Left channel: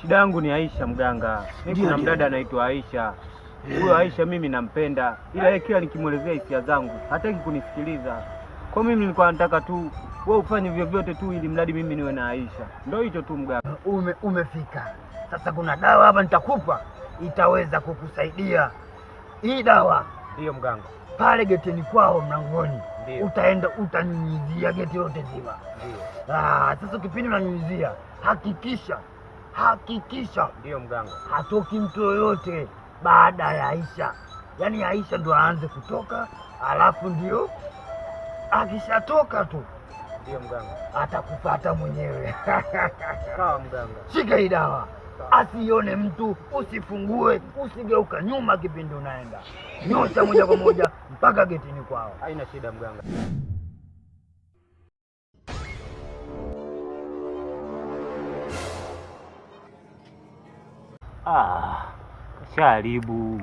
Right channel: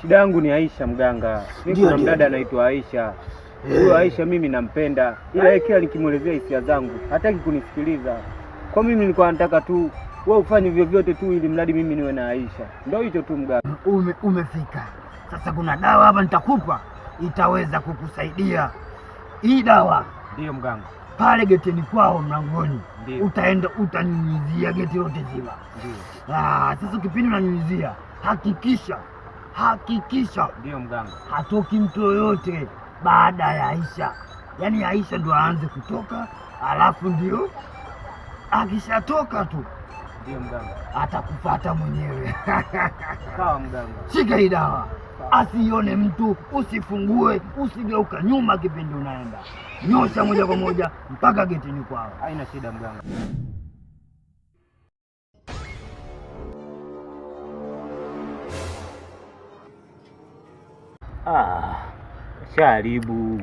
Shida yangu ni Aisha mganga. Mimi kuna mdada anaitwa Aisha. Huyo Aisha mimi nampenda, ila yeye kila nikimwelezea hisia zangu hataki kunisikiliza. Kwa mimi nilikuwa nataka tu wewe ufanye vyovyote tu ili mradi mimi niwe na Aisha. Ndio hicho tu mganga. Umefika. Sasa kuna dawa hapa nitakupa, itaweza kukusaidia. Hii dawa ndio mganga. Pale geteni kwao mlangoni. Utaenda utanyunyizia geti lote zima. Ndio. Sasa kipindi unanyunyizia, hakikisha ndio mganga, hatoki mtu yoyote baada ya Aisha. Yaani Aisha ndo aanze kutoka, alafu ndio akishatoka tu ndio mganga atakufuata mwenyewe. Sawa mganga. Shika hii dawa, asione mtu, usifungue, usigeuka nyuma kipindi unaenda. Nyosha moja kwa moja mpaka getini kwao. Haina shida mganga. Sharibu.